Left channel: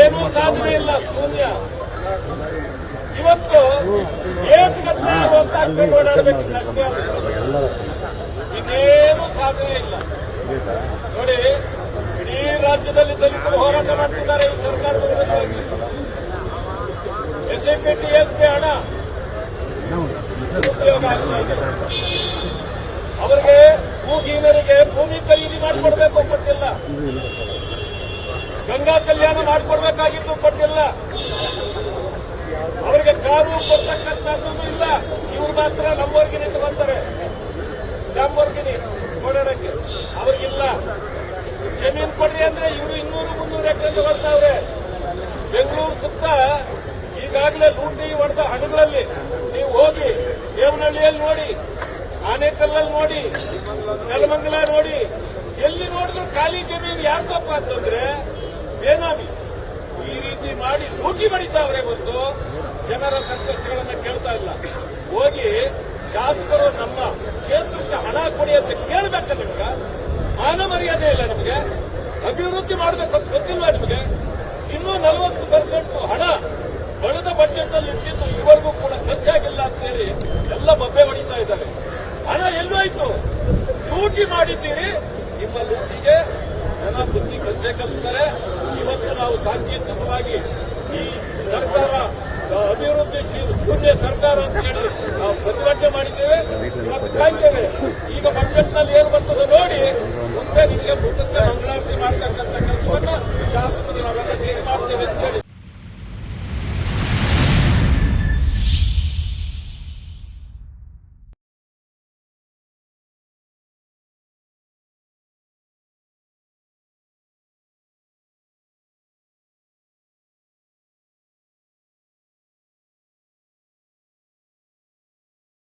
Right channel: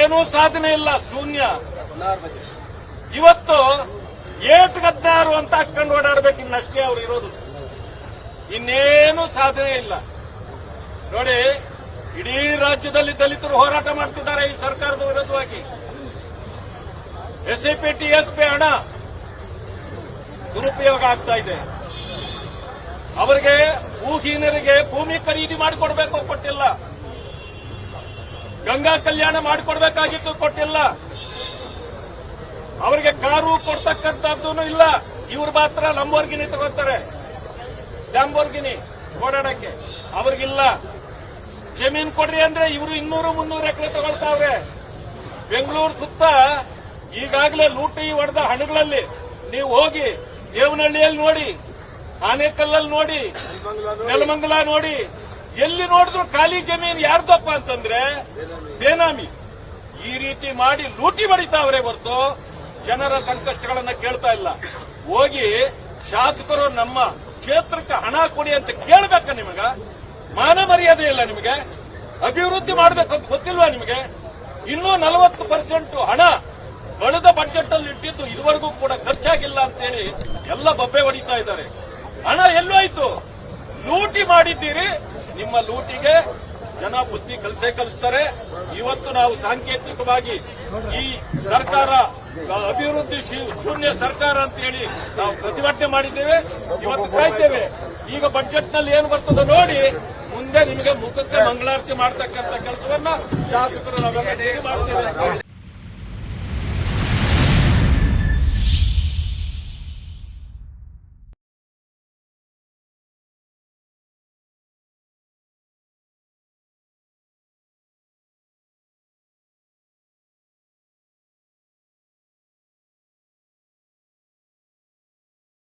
ಏನೂ ಸಾಧನೆ ಇಲ್ಲ, ಶೂನ್ಯ. ಇವತ್ತು ಏತ್ಗತ್ತಾರು ಅಂತ ಓಡಾಡಬೇಕು ಇನ್ನಷ್ಟೇ ಅವ್ರು ಇರೋದು. ಇನ್ನೇನು ಸಾಧನೆ ಇಲ್ಲ. ನೋಡಿ, ಇಡೀ ರಾಜ್ಯದಲ್ಲಿ ದಲಿತರು ಹೋರಾಟ ಮಾಡ್ತಿದ್ದಾರೆ ಈ ಸರ್ಕಾರದ ವಿರುದ್ಧವಾಗಿ. ಎಸ್ಐಪಿ ಟಿಎಸ್ಪಿ ಹಣ ದುರುಪಯೋಗ ಆಗ್ತಾ ಇದೆ. ಅವರಿಗೆ ಭೂಹೀನರಿಗೆ ಭೂಮಿ ಖರೀದಿ ಮಾಡಿಕೊಡ್ಬೇಕು, ಕೊಟ್ಟಿಲ್ಲ. ಗಂಗಾ ಕಲ್ಯಾಣ ಮಾಡಿಕೊಡ್ಬೇಕಾಗಿತ್ತು, ಕೊಟ್ಟಿಲ್ಲ. ಅವರಿಗೆ ಕಾರು ಕೊಡ್ತಕ್ಕಂಥದ್ದು ಇಲ್ಲ. ಇವ್ರು ಮಾತ್ರ ಲಂಬೋರ್ಗಿನಿ ತಗೋತಾರೆ. ಲ್ಯಾಂಬೋರ್ಗಿನಿ ಓಡಾಡಕ್ಕೆ ಅವ್ರಿಗಿಲ್ಲ. ಜಮೀನ್ ಕೊಡಿ ಅಂದ್ರೆ ಇವರು ಇನ್ನೂರು ಮುನ್ನೂರು ಎಕರೆ ತಗೊಳ್ತಾವ್ರೆ. ಬೆಂಗಳೂರು ಸುತ್ತ ಈಗಾಗಲೇ ಲೂಟಿ ಹೊಡೆದ ಹಣಗಳಲ್ಲಿ ನೀವು ಹೋಗಿ ದೇವನಹಳ್ಳಿಯಲ್ಲಿ ನೋಡಿ, ಆನೆಕಲ್ಲಲ್ಲಿ ನೋಡಿ, ನೆಲಮಂಗಲ ನೋಡಿ, ಎಲ್ಲಿ ನೋಡಿದ್ರು ಖಾಲಿ ಜಮೀನು ಯಾರ್ದಪ್ಪ ಅಂತಂದ್ರೆ ಬೇನಾಮಿ. ಈ ರೀತಿ ಮಾಡಿ ಲೂಟಿ ಬಡಿತಾವ್ರೆ ಹೊರತು ಜನರ ಸಂಕಷ್ಟಗಳನ್ನ ಕೇಳ್ತಾ ಇಲ್ಲ. ಹೋಗಿ ಶಾಸಕರು ನಮ್ಮ ಕ್ಷೇತ್ರಕ್ಕೆ ಹಣ ಕೊಡಿ ಅಂತ ಕೇಳ್ಬೇಕ ನಿಮಗ? ಮಾನ ಮರ್ಯಾದೆ ಇಲ್ಲ ನಿಮಗೆ? ಅಭಿವೃದ್ಧಿ ಮಾಡಬೇಕು ಅಂತ ಗೊತ್ತಿಲ್ವಾ ನಿಮಗೆ? ಇನ್ನೂ ನಲವತ್ತು ಪರ್ಸೆಂಟ್ ಹಣ ಬಡದ ಬಜೆಟ್ ಅಲ್ಲಿ ಇಟ್ಟಿದ್ದು ಇದುವರೆಗೂ ಕೂಡ ಖರ್ಚಾಗಿಲ್ಲ ಅಂತೇಳಿ ಎಲ್ಲ ಬಬ್ಬೆ ಹೊಡಿತಾ ಇದ್ದಾರೆ. ಹಣ ಎಲ್ಲೋಯ್ತು. ಲೂಟಿ ಮಾಡಿದ್ದೀರಿ. ನಿಮ್ಮ ಲೂಟಿಗೆ ಜನ ಬುದ್ಧಿ ಕಲಸೇ ಕಲಿಸ್ತಾರೆ. ಇವತ್ತು ನಾವು ಸಾಂಕೇತಿಕವಾಗಿ ಈ ಸರ್ಕಾರ ಅಭಿವೃದ್ಧಿ ಶೂನ್ಯ ಸರ್ಕಾರ ಅಂತ ಹೇಳಿ ನಾವು ಪ್ರತಿಭಟನೆ ಮಾಡಿದ್ದೇವೆ, ಇವತ್ತು ಕಾಯ್ತೇವೆ. ಈಗ ಬಜೆಟ್ನಲ್ಲಿ ಏನು ಬರ್ತದೆ ನೋಡಿ, ಮುಂದೆ ನಿಮಗೆ ಮುಖಕ್ಕೆ ಮಂಗಳಾರತಿ ಮಾಡ್ತಕ್ಕಂಥ ಕೆಲಸವನ್ನ ಶಾಸಕ